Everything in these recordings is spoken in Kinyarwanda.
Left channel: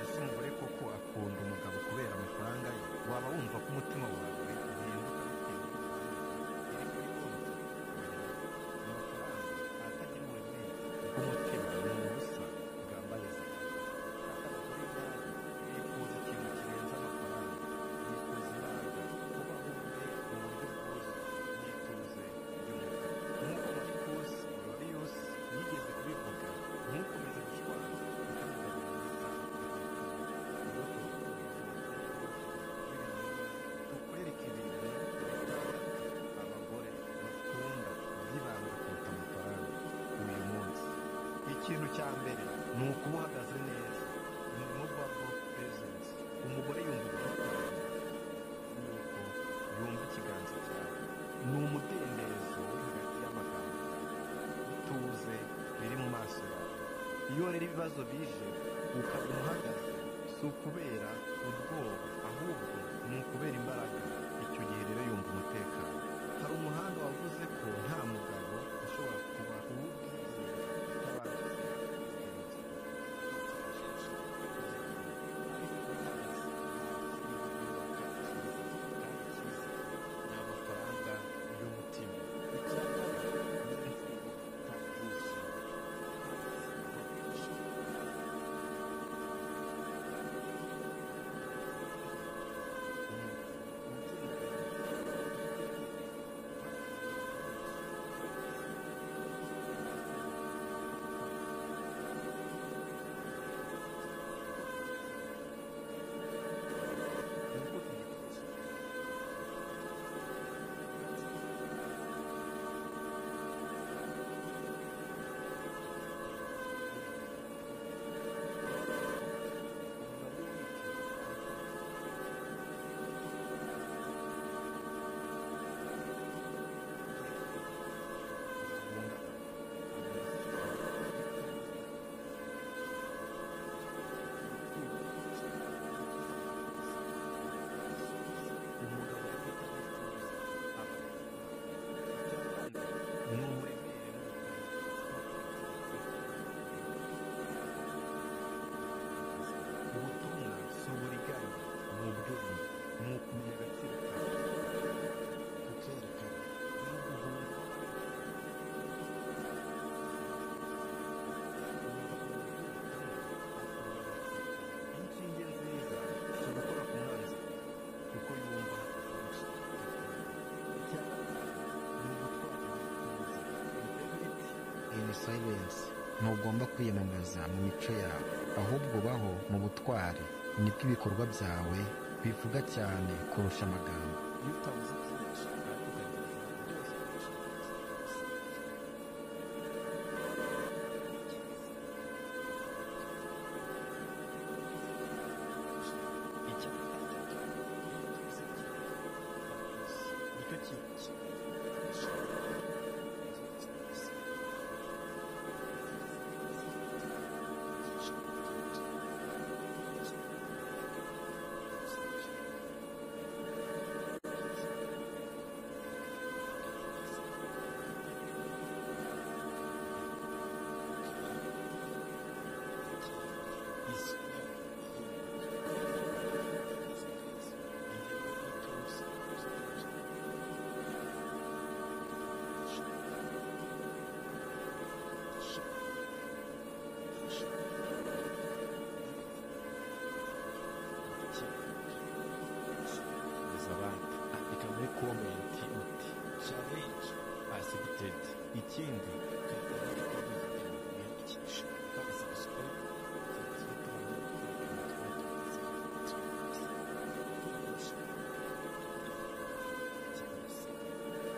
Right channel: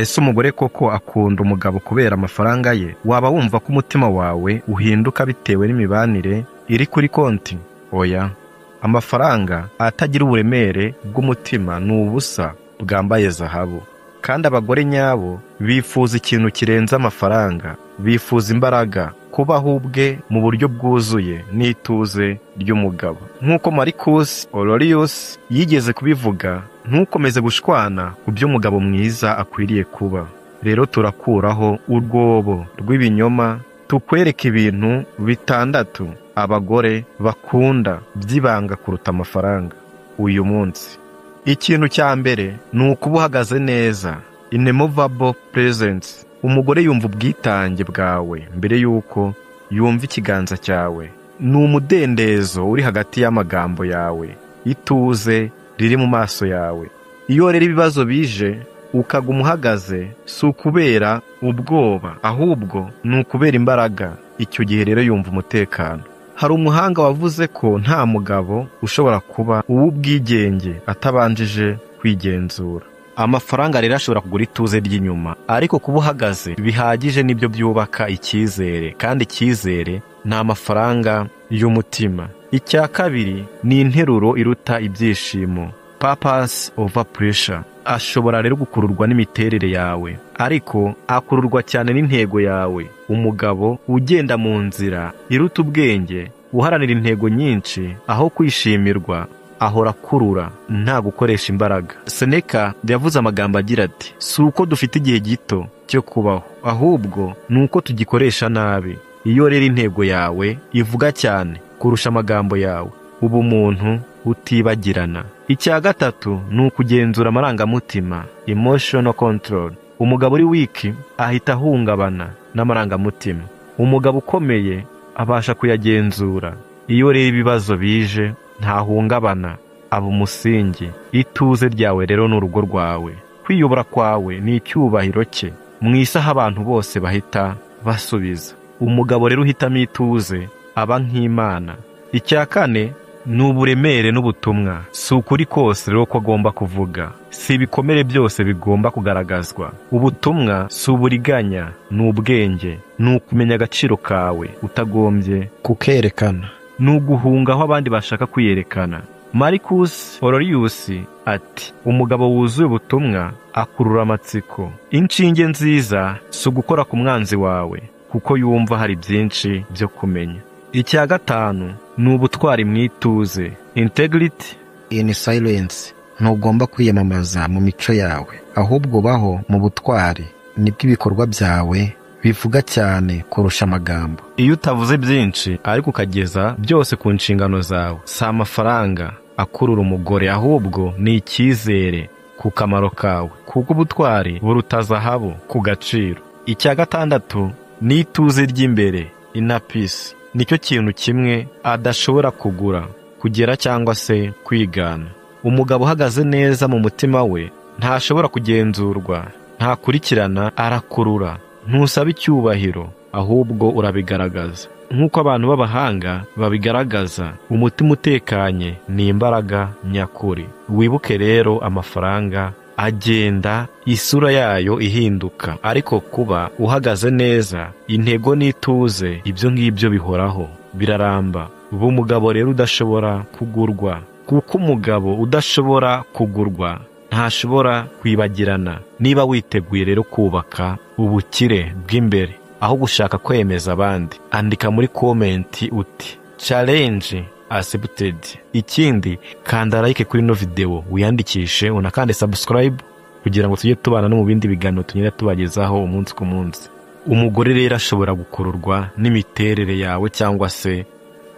Ese umugore koko akunda umugabo kubera amafaranga ye? Waba wumva ko umutima wawe uhinduka bitewe n'imibanire iri kuri konti? Oya, amafaranga atagira uburemere bw'umutima ni ubusa bwambaye zahabu. Kandi abagore nyabo bifuza ikintu kirenze amafaranga, bifuza imbaraga, kubaho ubwe mu buryo bwuzuye n'ituze ry'umugabo. Nk'uko Marcus Aurelius yigeze kubivuga, ntukomeze gushwana ku byo umugabo mwiza akwiriye kuba. Rero turakuraho urwobo rw'ibinyoma, tukwereka ibintu 6 abagore bakunda by'ibanga kuruta amafaranga uyu munsi. Ikintu cya mbere ni ukuba uhagaze neza, immovable presence. Umugore yumva ubwitange bwawe mbere yuko yumva ikiganza cyawe. Ni umudendezo uri hagati y'amagambo yawe, ituze riri mu maso yawe. Iyo rero ibibazo bije ukaguma uhagaze, si ukubera ubwoba, ahubwo ni ukubera imbaraga. Icyo gihe rero yumva umutekano. Hari umuhanga wavuze ko nta mugabo ushobora kuba uw'ubwigenge atabanjije kwigenzura. Amafaranga rero ashobora kugura ituze ry'inyuma, ariko kuba uhagaze bihagije nibyo byubaka icyizere, kandi icyizere ni amafaranga y'umutima. Icya kabiri ni interuro iruta ibyishimo, purpose over pressure. Ashobora rero gukururwa n'imiterere yawe, ariko akururwa cyane n'intego yawe. Umugabo ugenda mu nzira iruta ubwenge, uharanira intego nyinshi aho kwishimirwa, ahora akurura, nta gukoresha imbaraga. Seneca yavuze amagambo agira ati, si uko dufite igihe gito cyo kubaho, ahubwo ni uko tugikoresha nabi. Iyo rero intego yawe ivuga cyane kurusha amagambo yawe, uba umuntu utibagirana. Icya gatatu ni ukugenzura amarangamutima, emotional control. Umugabo uri wiki ahita ahungabana n'amarangamutima. Umugabo ukomeye abasha kuyagenzura. Iyo rero ibibazo bije ntahungabana, aba umusingi. Ituze ryawe rero ni urugo rwawe. Kwiyobora kwawe ni icyubahiro cye. Mu isi aho abantu bose bahita basubiza, umugabo rero uhitamo ituze aba nk'Imana. Icya kane ni uburemere n'ubutumwa. Si ukuri kose rero ko agomba kuvuga, si ibikomere byose bigomba kugaragazwa. Ubutumwa si uburiganya, ni ubwenge, ni ukumenya agaciro kawe utagombye kukerekana, ni uguhunga aho abandi bashaka kwiyerekana. Marcus Aurelius ati, umugabo wuzuye ubutumwa akurura amatsiko. Inshinge nziza si ugukora ku mwanzi wawe, kuko yumva hari byinshi byo kumenya. Icya gatanu ni ubutwari mu ituze, integrity in silence. Ntugomba kwiyamamaza mu mico yawe, ahubwo baho mu butwari. Nibwo ibikorwa byawe bivuga cyane kurusha amagambo. Iyo utavuze byinshi ariko ukageza byose ku nshingano zawe, si amafaranga akurura umugore, ahubwo ni icyizere ku kamaro kawe, kuko ubutwari buruta zahabu ku gaciro. Icya gatandatu ni ituze ry'imbere, inner peace. Nicyo kintu kimwe adashobora kugura, kugera cyangwa se kwigana. Umugabo uhagaze neza mu mutima we ntashobora kugenzurwa, ntakurikirana, arakurura. Ntusaba icyubahiro, ahubwo urabigaragaza. Nk'uko abantu b'abahanga babigaragaza, umutima utekanye ni imbaraga nyakuri. Wibuke rero, amafaranga agenda isura yayo ihinduka, ariko kuba uhagaze neza, intego n'ituze, ibyo ngibyo bihoraho, biraramba. Uba umugabo rero udashobora kugurwa, kuko umugabo udashobora kugurwa ntashobora kwibagirana. Niba witeguye rero kubaka ubukire bw'imbere aho gushaka kwemeza abandi, andika muri komenti uti challenge accepted. Ikindi, kanda like kuri no video, wiyandikishe, unakande subscribe kugira ngo tujye tubana no mu bindi biganiro tunyine tubagezaho umunsi ku munsi. Umugore rero ashobora gukururwa n'imiterere yawe cyangwa se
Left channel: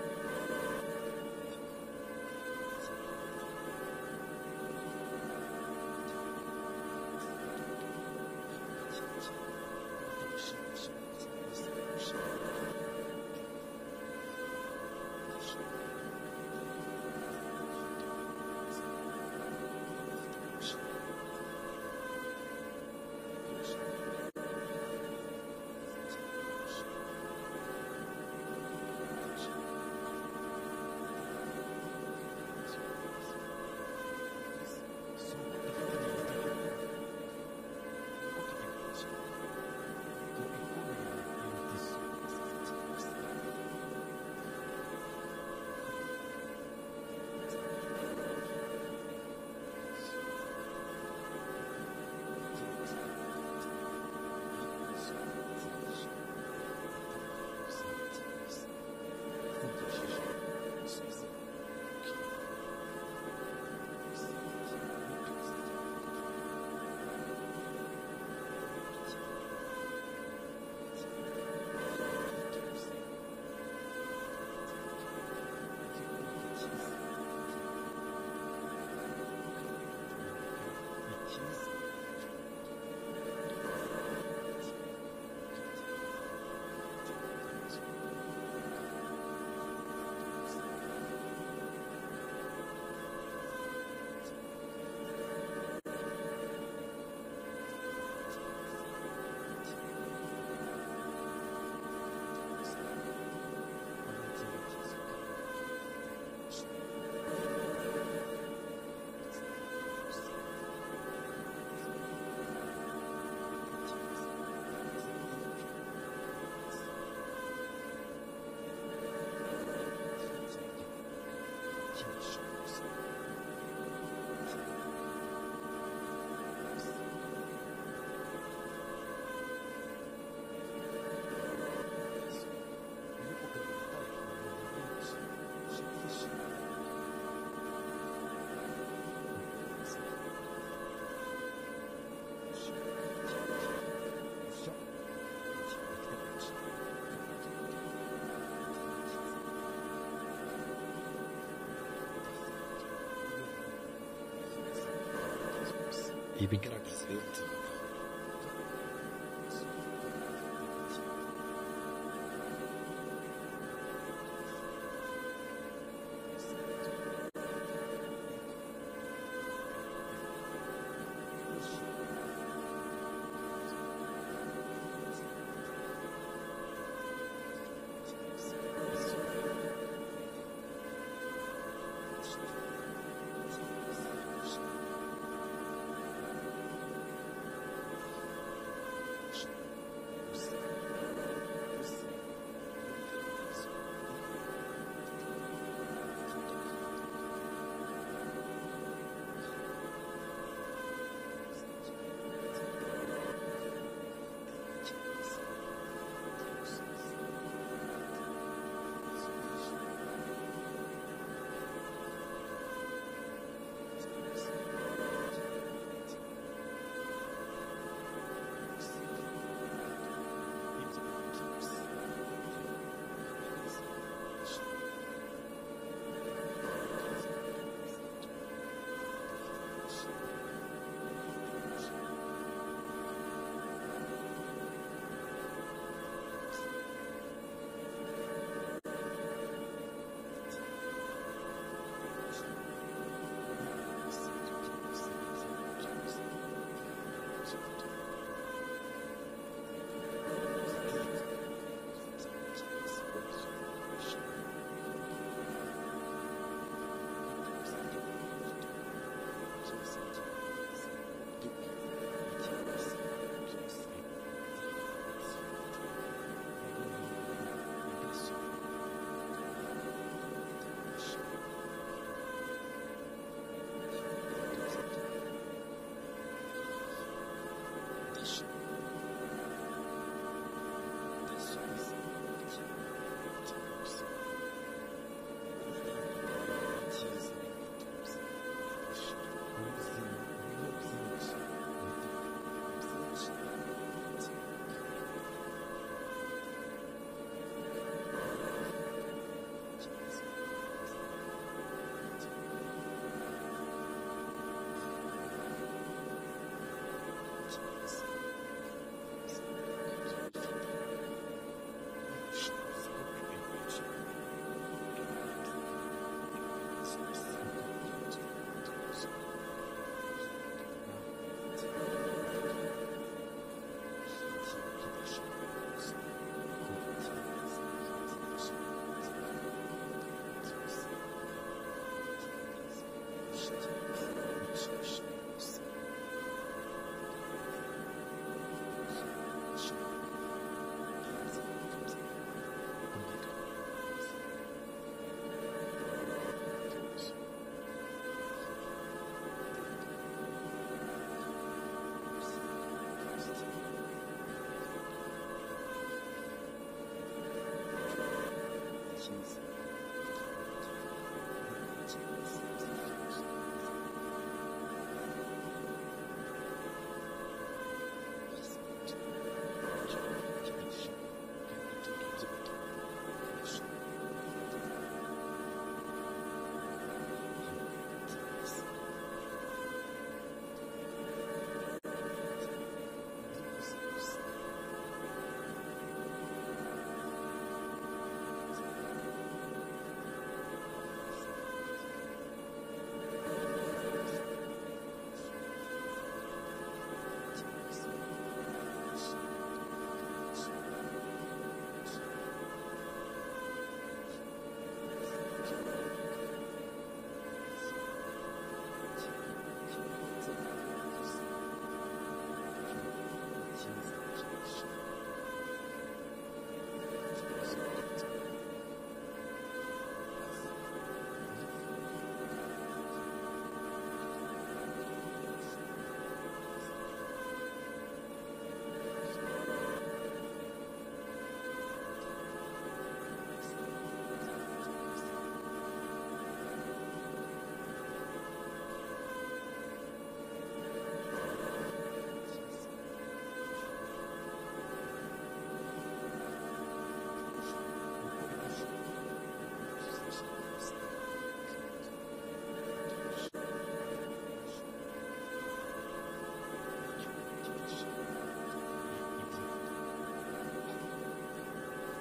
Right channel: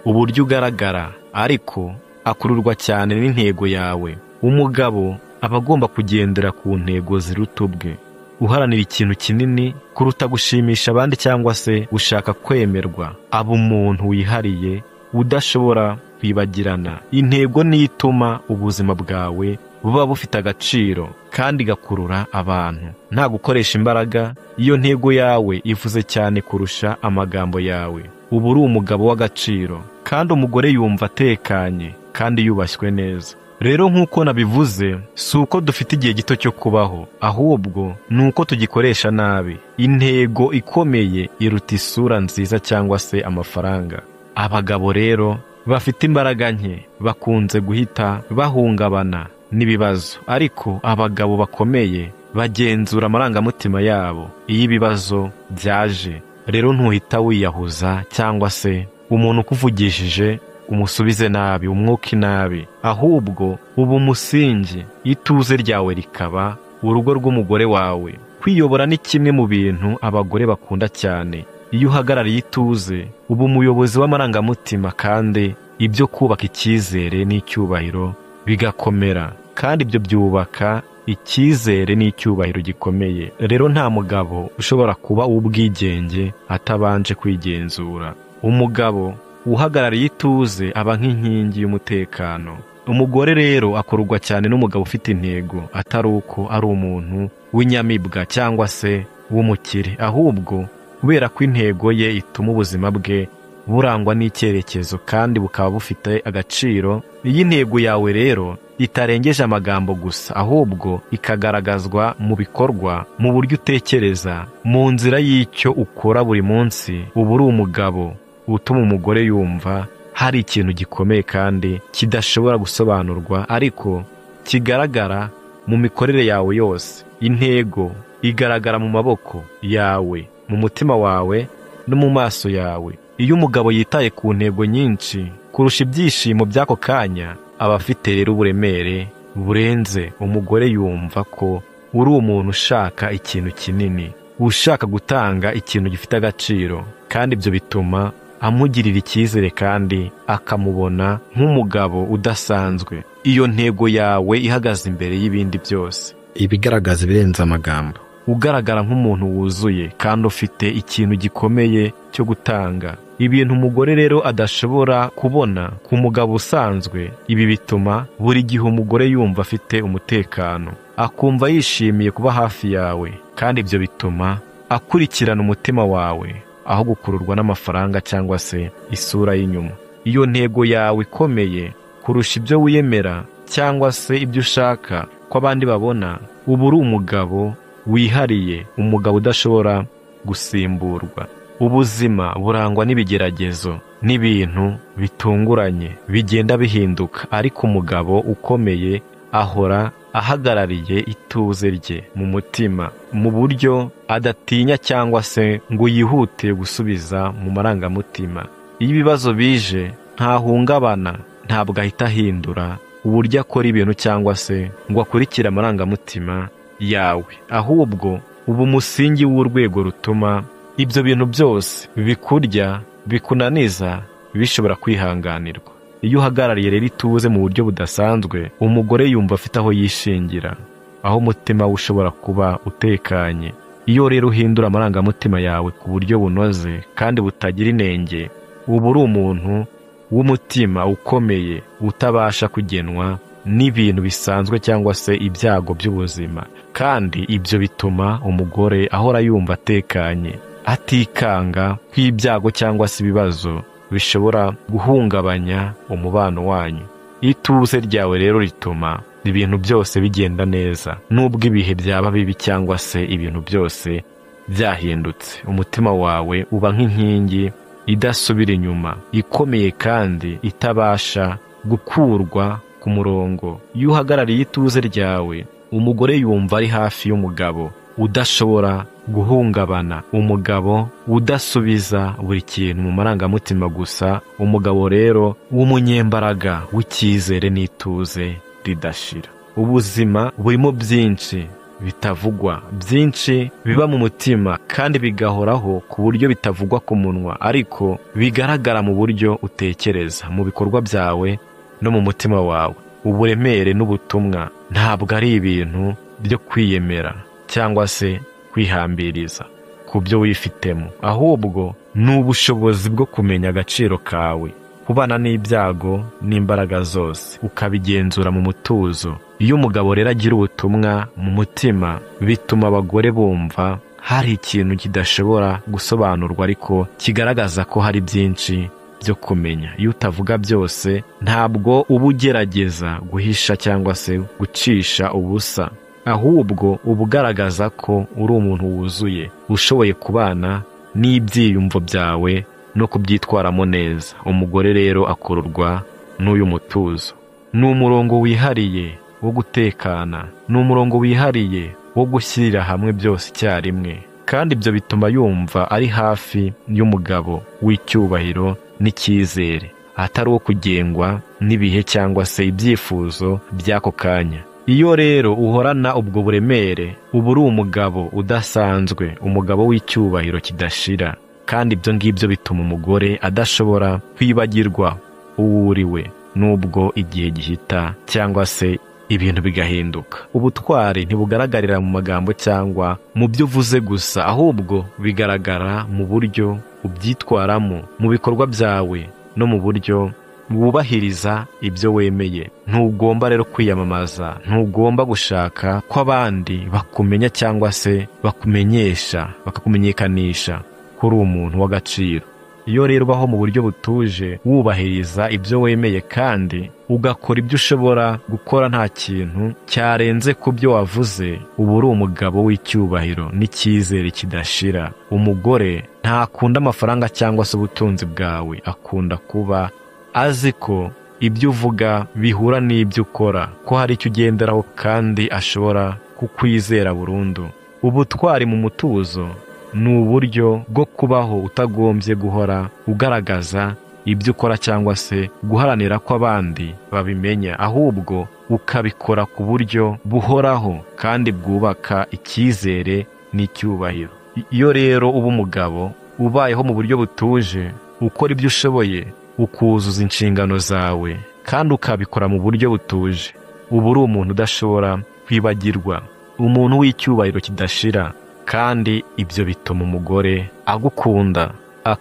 uburyo ugaragara, ariko akururwa cyane n'intego yawe. Umugabo aba agomba kugendera ku ntego ziruta ubwe, uharanira ikintu kinini kuruta gushimisha abandi cyangwa se gushaka kwemerwa. Aba umuntu wihariye udashobora kwibagirana. Intego ni ituma ubuzima bwawe buba bufite agaciro kandi gakurura abantu, nta gukoresha imbaraga. Iyo ntego yawe ivuze cyane kurusha amagambo yawe, uba uri umugabo w'agaciro. Kandi umugore yumva atekanye kandi yubashywe neza. rero nk'uko nabivuze si uko dufite igihe gito cyo kubaho, ahubwo ni uko tugikoresha nabi. Intego ikomeye iruta isura nziza cyangwa se amafaranga. Abagabo rero bafite imbaraga nke bakunze guhita bahungabana n'ibibazo, ariko abagabo bakomeye bagenzura amarangamutima yabo iyo ibibazo byaje. Rero ntuhita wiyahuza cyangwa se umuntu ukuvugishije umusubize nabi, umwuka inabi, ahubwo uba umusingi, ituze ryawe rikaba urugo rw'umugore wawe. Kwiyobora ni kimwe mu bintu abagore bakunda cyane. Iyo uhagarariye ituze uba umuyobozi w'amarangamutima, kandi ibyo kubaka icyizere n'icyubahiro bigakomera, kandi ibyo byubaka icyizere n'icyubahiro gikomeye. Rero nta mugabo ushobora kuba uw'ubwigenge atabanje kwigenzura. Umugabo uhagarariye ituze aba nk'inkingi y'umutekano. Umugore rero akururwa cyane n'umugabo ufite intego, atari uko ari umuntu w'inyamibwa cyangwa se w'umukire, ahubwo kubera ko intego ye ituma ubuzima bwe burangwa n'icyerekezo kandi bukaba bufite agaciro. Iyi ntego yawe rero itarengeje amagambo gusa, ahubwo ikagaragazwa mu bikorwa, mu buryo utekereza, mu nzira y'icyo ukora buri munsi. uba uri umugabo utuma umugore yumva hari ikintu gikomeye kandi kidashobora gusobanurwa, ariko kigaragara mu mikorere yawe yose. Intego igaragara mu maboko yawe, mu mutima wawe no mu maso yawe. Iyo umugabo yitaye ku ntego nyinshi kurusha ibyishimo by'ako kanya, aba afite rero uburemere burenze. Umugore yumva ko uri umuntu ushaka ikintu kinini, ushaka gutanga ikintu gifite agaciro, kandi ibyo bituma amugirira icyizere kandi akamubona nk'umugabo udasanzwe. Iyo ntego yawe ihagaze imbere y'ibindi byose, ibigaragaza ibirenze amagambo. Ugaragara nk'umuntu wuzuye kandi ufite ikintu gikomeye cyo gutanga, ibintu umugore rero adashobora kubona ku mugabo usanzwe. Ibi bituma buri gihe umugore yumva afite umutekano, akumva yishimiye kuba hafi yawe, kandi ibyo bituma akurikirana umutima wawe aho gukururwa n'amafaranga cyangwa se isura y'inyuma. Iyo ntego yawe ikomeye kurusha ibyo wiyemera cyangwa se ibyo ushaka ko abandi babona, uba uri umugabo wihariye, umugabo udashobora gusimburwa. Ubuzima burangwa n'ibigeragezo n'ibintu bitunguranye bigenda bihinduka, ariko umugabo ukomeye ahora ahagarariye ituze rye mu mutima, mu buryo adatinya cyangwa se ngo yihute gusubiza mu marangamutima. Iyo ibibazo bije ntahungabana, ntabwo ahita ahindura uburyo akora ibintu cyangwa se ngo akurikire amarangamutima yawe, ahubwo uba umusingi w'urwego rutuma ibyo bintu byose bikurya, bikunaniza, bishobora kwihanganirwa. Iyo uhagarariye rero ituze mu buryo budasanzwe, umugore yumva afite aho yishingira, aho umutima we ushobora kuba utekanye. Iyo rero uhindura amarangamutima yawe ku buryo bunoze kandi butagira inenge, uba uri umuntu w'umutima ukomeye utabasha kugenwa n'ibintu bisanzwe cyangwa se ibyago by'ubuzima. Kandi ibyo bituma umugore ahora yumva atekanye, atikanga kw'ibyago cyangwa se ibibazo bishobora guhungabanya umubano wanyu. Ituze ryawe rero rituma ibintu byose bigenda neza, nubwo ibihe byaba bibi cyangwa se ibintu byose byahindutse. Umutima wawe uba nk'inkingi idasubira inyuma, ikomeye kandi itabasha gukurwa ku murongo. Iyo uhagarariye ituze ryawe, umugore yumva ari hafi y'umugabo udashobora guhungabana, umugabo udasubiza buri kintu mu marangamutima gusa, umugabo rero w'umunyembaraga w'icyizere n'ituze ridashira. Ubuzima burimo byinshi bitavugwa, byinshi biba mu mutima kandi bigahoraho ku buryo bitavugwa ku munwa, ariko bigaragara mu buryo utekereza, mu bikorwa byawe no mu mutima wawe. Uburemere n'ubutumwa ntabwo ari ibintu byo kwiyemera cyangwa se kwihambiriza ku byo wifitemo, ahubwo ni ubushobozi bwo kumenya agaciro kawe, kubana n'ibyago n'imbaraga zose ukabigenzura mu mutuzo. Iyo umugabo rero agira ubutumwa mu mutima, bituma abagore bumva hari ikintu kidashobora gusobanurwa, ariko kigaragaza ko hari byinshi byo kumenya. Iyo utavuga byose ntabwo uba ugerageza guhisha cyangwa se gucisha ubusa, ahubwo uba ugaragaza ko uri umuntu wuzuye ushoboye kubana n'ibyiyumvo byawe no kubyitwaramo neza. Umugore rero akururwa n'uyu mutuzo. Ni umurongo wihariye wo gutekana, ni umurongo wihariye wo gushyirira hamwe byose icyarimwe, kandi ibyo bituma yumva ari hafi y'umugabo w'icyubahiro n'icyizere, atari uwo kugengwa n'ibihe cyangwa se ibyifuzo by'ako kanya. Iyo rero uhorana ubwo buremere uba uri umugabo udasanzwe, umugabo w'icyubahiro kidashira, kandi ibyo ngibyo bituma umugore adashobora kwibagirwa uwo uriwe nubwo igihe gihita cyangwa se ibintu bigahinduka. Ubutwari ntibugaragarira mu magambo cyangwa mu byo uvuze gusa, ahubwo bigaragara mu buryo ubyitwaramo, mu bikorwa byawe no mu buryo wubahiriza ibyo wemeye. Ntugomba rero kwiyamamaza, ntugomba gushaka ko abandi bakumenya cyangwa se bakumenyesha, bakakumenyekanisha ko uri umuntu w'agaciro. Iyo rero ubaho mu buryo butuje, wubahiriza ibyo wemeye kandi ugakora ibyo ushobora gukora nta kintu cyarenze ku byo wavuze, uba uri umugabo w'icyubahiro n'icyizere kidashira. Umugore ntakunda amafaranga cyangwa se ubutunzi bwawe, akunda kuba azi ko ibyo uvuga bihura n'ibyo ukora, ko hari icyo ugenderaho kandi ashobora kukwizera burundu. Ubutwari mu mutuzo ni uburyo bwo kubaho utagombye guhora ugaragaza ibyo ukora cyangwa se guharanira ko abandi babimenya, ahubwo ukabikora ku buryo buhoraho kandi bwubaka icyizere n'icyubahiro. Iyo rero uba umugabo ubayeho mu buryo butuje, ukora ibyo ushoboye, ukuzuza inshingano zawe kandi ukabikora mu buryo butuje, uba uri umuntu udashobora kwibagirwa, umuntu w'icyubahiro kidashira. Kandi ibyo bituma umugore agukunda,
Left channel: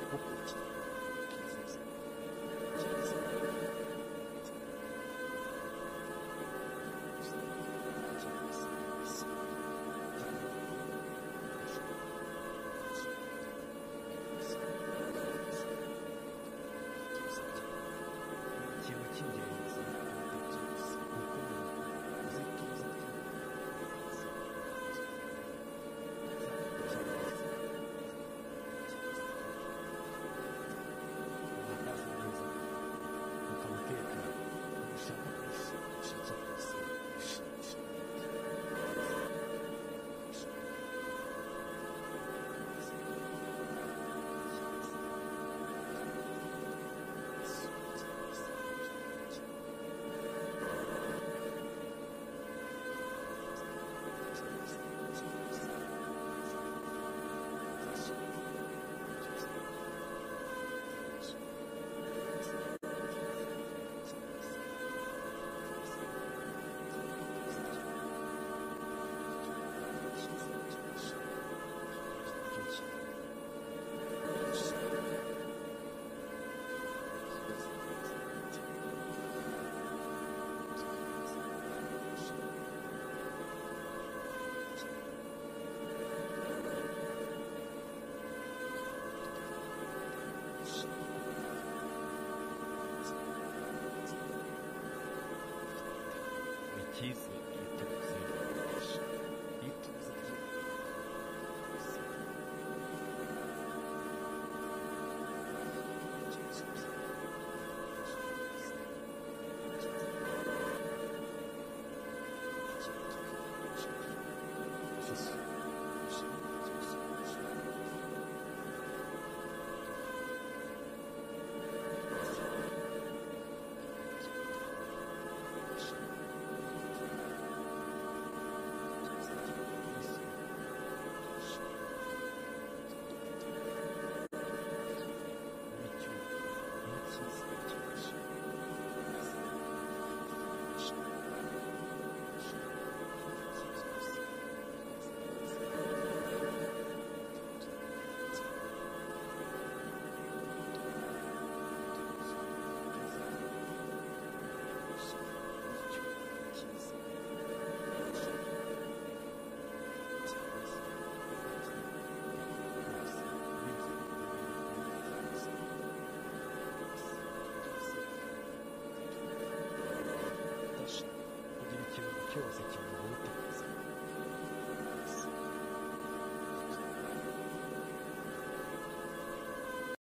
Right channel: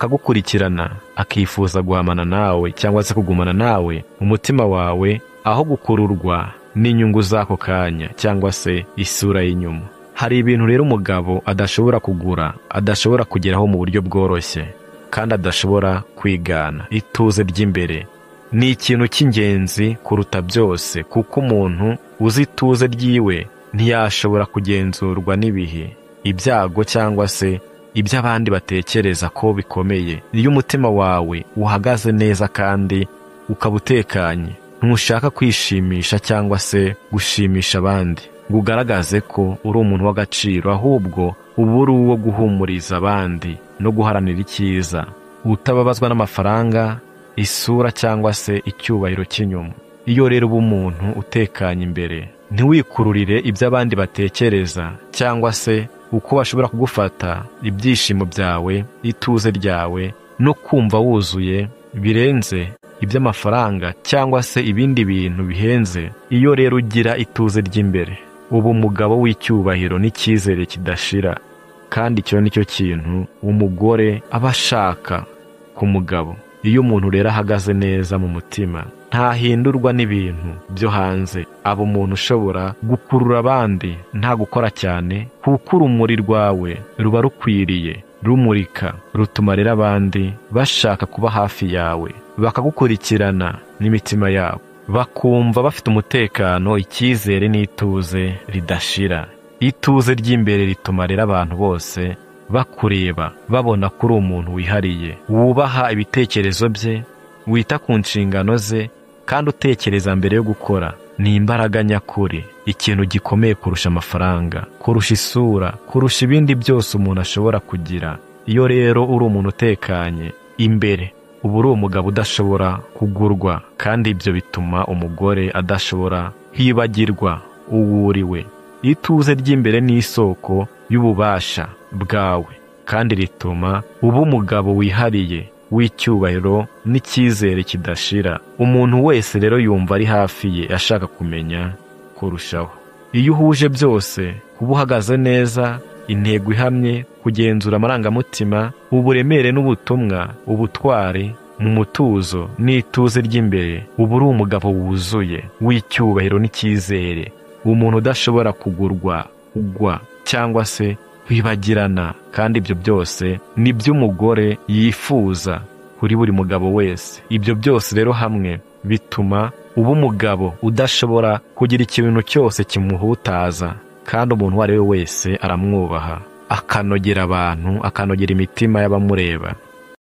akagukurikirana, akifuza guhamana nawe cyangwa se kugumana nawe mu mutima wawe, aho gukururwa n'inyungu z'ako kanya cyangwa se isura y'inyuma. Hari ibintu rero umugabo adashobora kugura, adashobora kugeraho mu buryo bworoshye kandi adashobora kwigana. Ituze ry'imbere ni ikintu cy'ingenzi kuruta byose, kuko umuntu uzi ituze ryiwe ntiyashobora kugenzurwa n'ibihe, ibyago cyangwa se ibyo abandi batekereza ko bikomeye. Iyo umutima wawe uhagaze neza kandi ukaba utekanye, ntushaka kwishimisha cyangwa se gushimisha abandi ngo ugaragaze ko uri umuntu w'agaciro, ahubwo uba uri uwo guhumuriza abandi no guharanira icyiza, utababazwa n'amafaranga, isura cyangwa se icyubahiro cy'inyuma. Iyo rero uba umuntu utekanye imbere, ntiwikururire ibyo abandi batekereza cyangwa se uko bashobora kugufata ibyishimo byawe, ituze ryawe no kumva wuzuye birenze iby'amafaranga cyangwa se ibindi bintu bihenze. Iyo rero ugira ituze ry'imbere, uba umugabo w'icyubahiro n'icyizere kidashira, kandi icyo ni cyo kintu umugore aba ashaka ku mugabo. Iyo umuntu rero ahagaze neza mu mutima, ntahindurwa n'ibintu byo hanze, aba umuntu ushobora gukurura abandi nta gukora cyane, kuko urumuri rwawe ruba rukwiriye, rumurika, rutuma rero abandi bashaka kuba hafi yawe, bakagukurikirana n'imitima yabo, bakumva bafite umutekano, icyizere n'ituze ridashira. Ituze ry'imbere rituma rero abantu bose bakureba, babona ko uri umuntu wihariye, wubaha ibitekerezo bye, wita ku nshingano ze kandi utekereza mbere yo gukora. Ni imbaraga nyakuri, ikintu gikomeye kurusha amafaranga, kurusha isura, kurusha ibindi byose umuntu ashobora kugira. Iyo rero uri umuntu utekanye imbere, uba uri umugabo udashobora kugurwa, kandi ibyo bituma umugore adashobora kwibagirwa uwo uriwe. Ituze ry'imbere ni isoko y'ububasha bwawe, kandi rituma uba umugabo wihariye w'icyubahiro n'icyizere kidashira. Umuntu wese rero yumva ari hafi ye ashaka kumenya kurushaho. Iyo uhuje byose, kuba uhagaze neza, intego ihamye, kugenzura amarangamutima, uburemere n'ubutumwa, ubutwari, mu mutuzo n'ituze ry'imbere, uba uri umugabo wuzuye w'icyubahiro n'icyizere, umuntu udashobora kugurwa, kugwa cyangwa se kwibagirana. Kandi ibyo byose ni byo umugore yifuza kuri buri mugabo wese. Ibyo byose rero hamwe bituma uba umugabo udashobora kugira ikintu cyose kimuhutaza, kandi umuntu uwo ari we wese aramwubaha, akanogera abantu, akanogera imitima y'abamureba.